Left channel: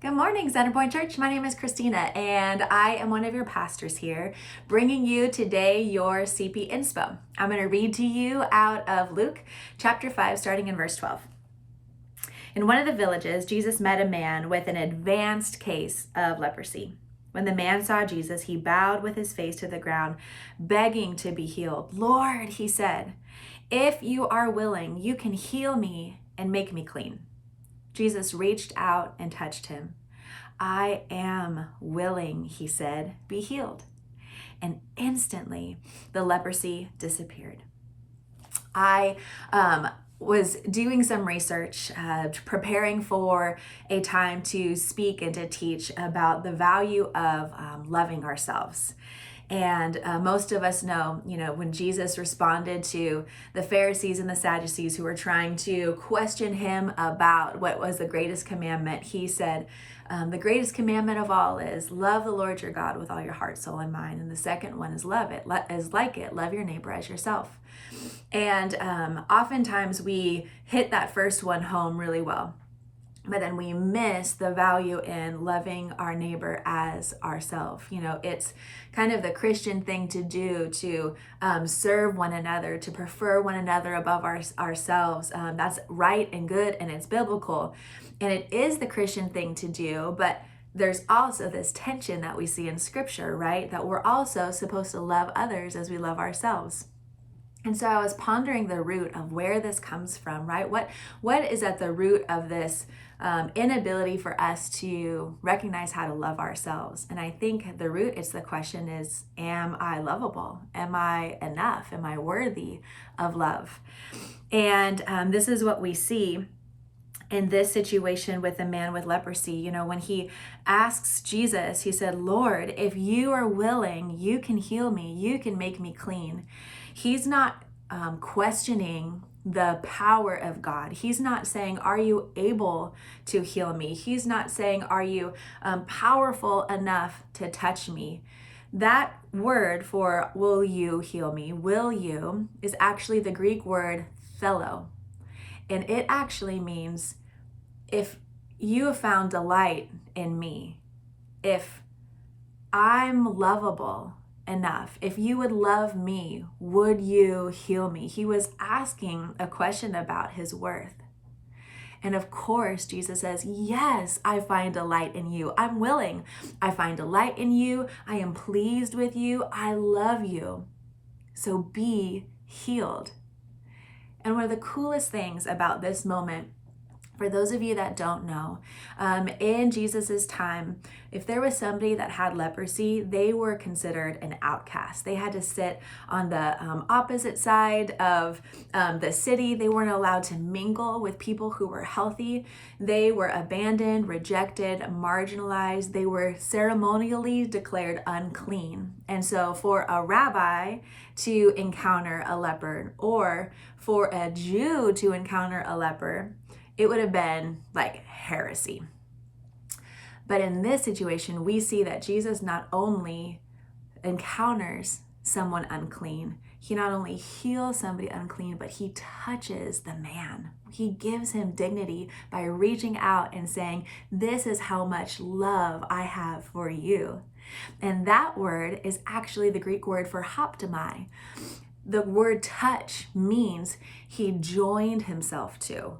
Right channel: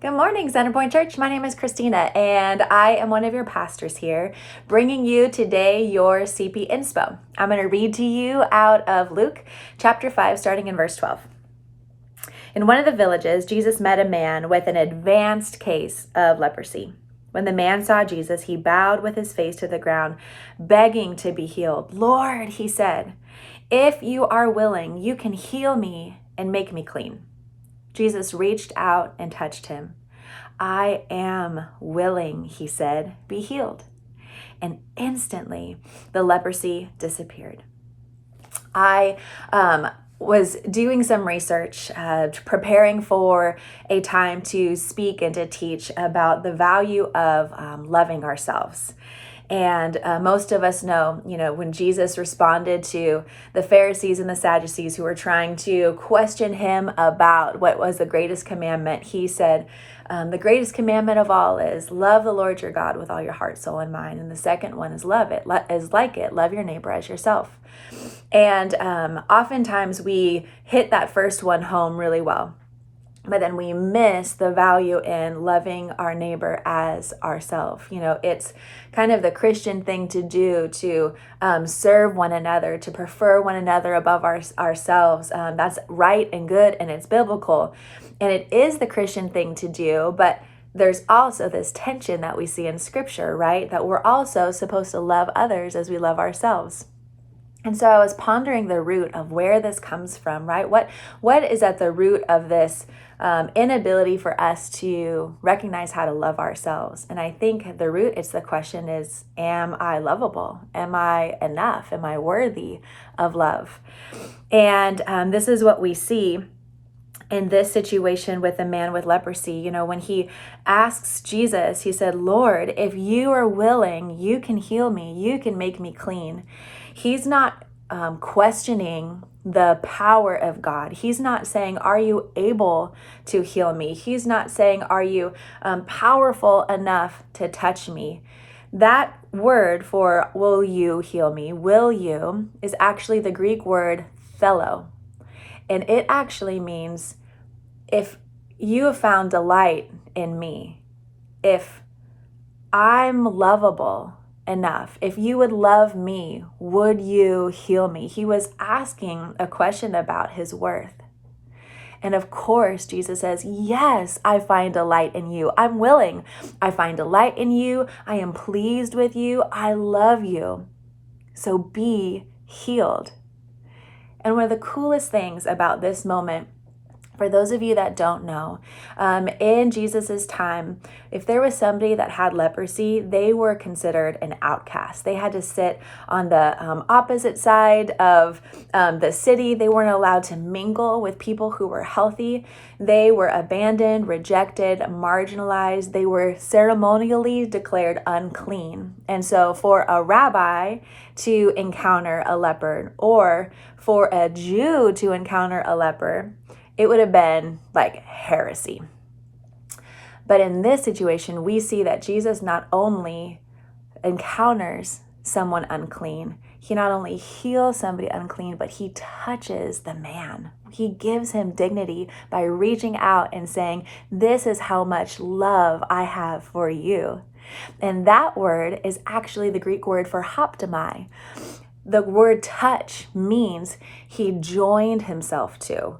Good morning, Centerpoint Church. My name is Christina, and I am one of your pastors here, bringing you today your CP INSPO. I'm going to read to you out of Luke chapter 5, starting in verse 12. In one of the villages, Jesus met a man with an advanced case of leprosy. When the man saw Jesus, he bowed with his face to the ground, begging to be healed. "Lord," he said, "if you are willing, you can heal me and make me clean." Jesus reached out and touched him. "I am willing," he said, "be healed." And instantly the leprosy disappeared. I was doing some research, preparing for a time to speak and to teach about the value of loving ourselves. And most of us know, when Jesus responded to the Pharisees and the Sadducees who were trying to question him about what was the greatest commandment, he said, the greatest commandment of all is love the Lord your God with all your heart, soul, and mind. And the second one is love your neighbor as yourself. And oftentimes we hit that first one home really well. But then we miss the value in loving our neighbor as ourselves. It's kind of the Christian thing to do to serve one another, to prefer one another above ourselves. That's right and good, and it's biblical. And it is the Christian thing to do, but there's also this tension that we see in Scripture, right? That we're also supposed to love others as we love ourselves. And so I was pondering the root of where this comes from, right? What is at the root of this inability for us to recognize how to love ourselves? And I think the root, the question is, am I lovable? Am I enough? Am I worthy of love? And this is what we see in this situation with the man with leprosy. When he asks Jesus, he said, "Lord, if you are willing, you can heal me. You can make me clean." He's not questioning the power of God. He's not saying, "Are you able to heal me?" He's not saying, "Are you powerful enough to touch me?" That word for "will you heal me," will you, is actually the Greek word "thelo." And it actually means, if you have found delight in me, if I'm lovable enough, if you would love me, would you heal me? He was asking a question about his worth. And of course, Jesus says, "Yes, I find delight in you. I'm willing. I find delight in you. I am pleased with you. I love you. So be healed." And one of the coolest things about this moment, for those of you that don't know, in Jesus's time, if there was somebody that had leprosy, they were considered an outcast. They had to sit on the opposite side of the city. They weren't allowed to mingle with people who were healthy. They were abandoned, rejected, marginalized. They were ceremonially declared unclean. And so for a rabbi to encounter a leper, or for a Jew to encounter a leper, it would have been like heresy. But in this situation, we see that Jesus not only encounters someone unclean, he not only heals somebody unclean, but he touches the man. He gives him dignity by reaching out and saying, "This is how much love I have for you." And that word is actually the Greek word for haptomai. The word touch means he joined himself to.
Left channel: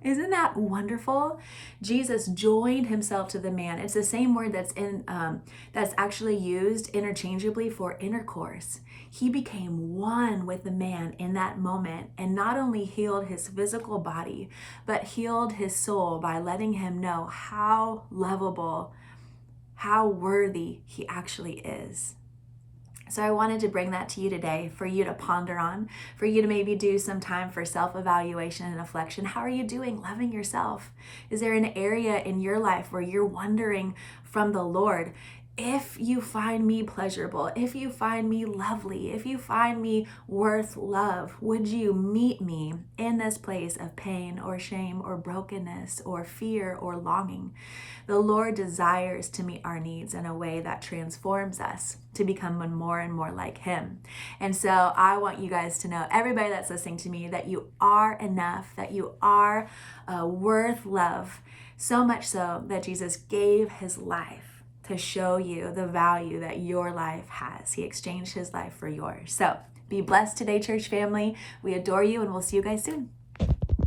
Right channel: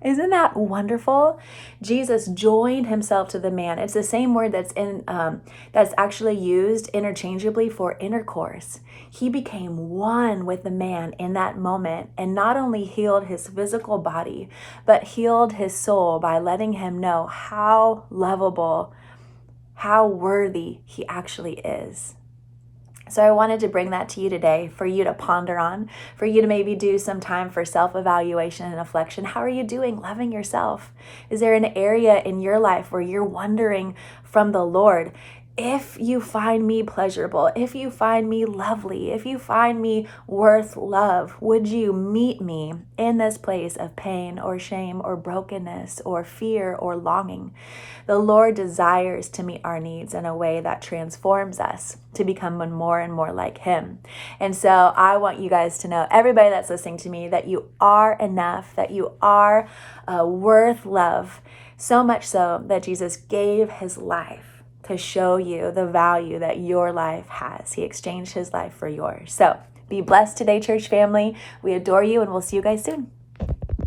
Isn't that wonderful? Jesus joined himself to the man. It's the same word that's actually used interchangeably for intercourse. He became one with the man in that moment, and not only healed his physical body, but healed his soul by letting him know how lovable, how worthy he actually is. So I wanted to bring that to you today for you to ponder on, for you to maybe do some time for self-evaluation and reflection. How are you doing loving yourself? Is there an area in your life where you're wondering from the Lord, if you find me pleasurable, if you find me lovely, if you find me worth love, would you meet me in this place of pain or shame or brokenness or fear or longing? The Lord desires to meet our needs in a way that transforms us to become more and more like Him. And so I want you guys to know, everybody that's listening to me, that you are enough, that you are worth love, so much so that Jesus gave His life to show you the value that your life has. He exchanged His life for yours. So be blessed today, church family. We adore you, and we'll see you guys soon.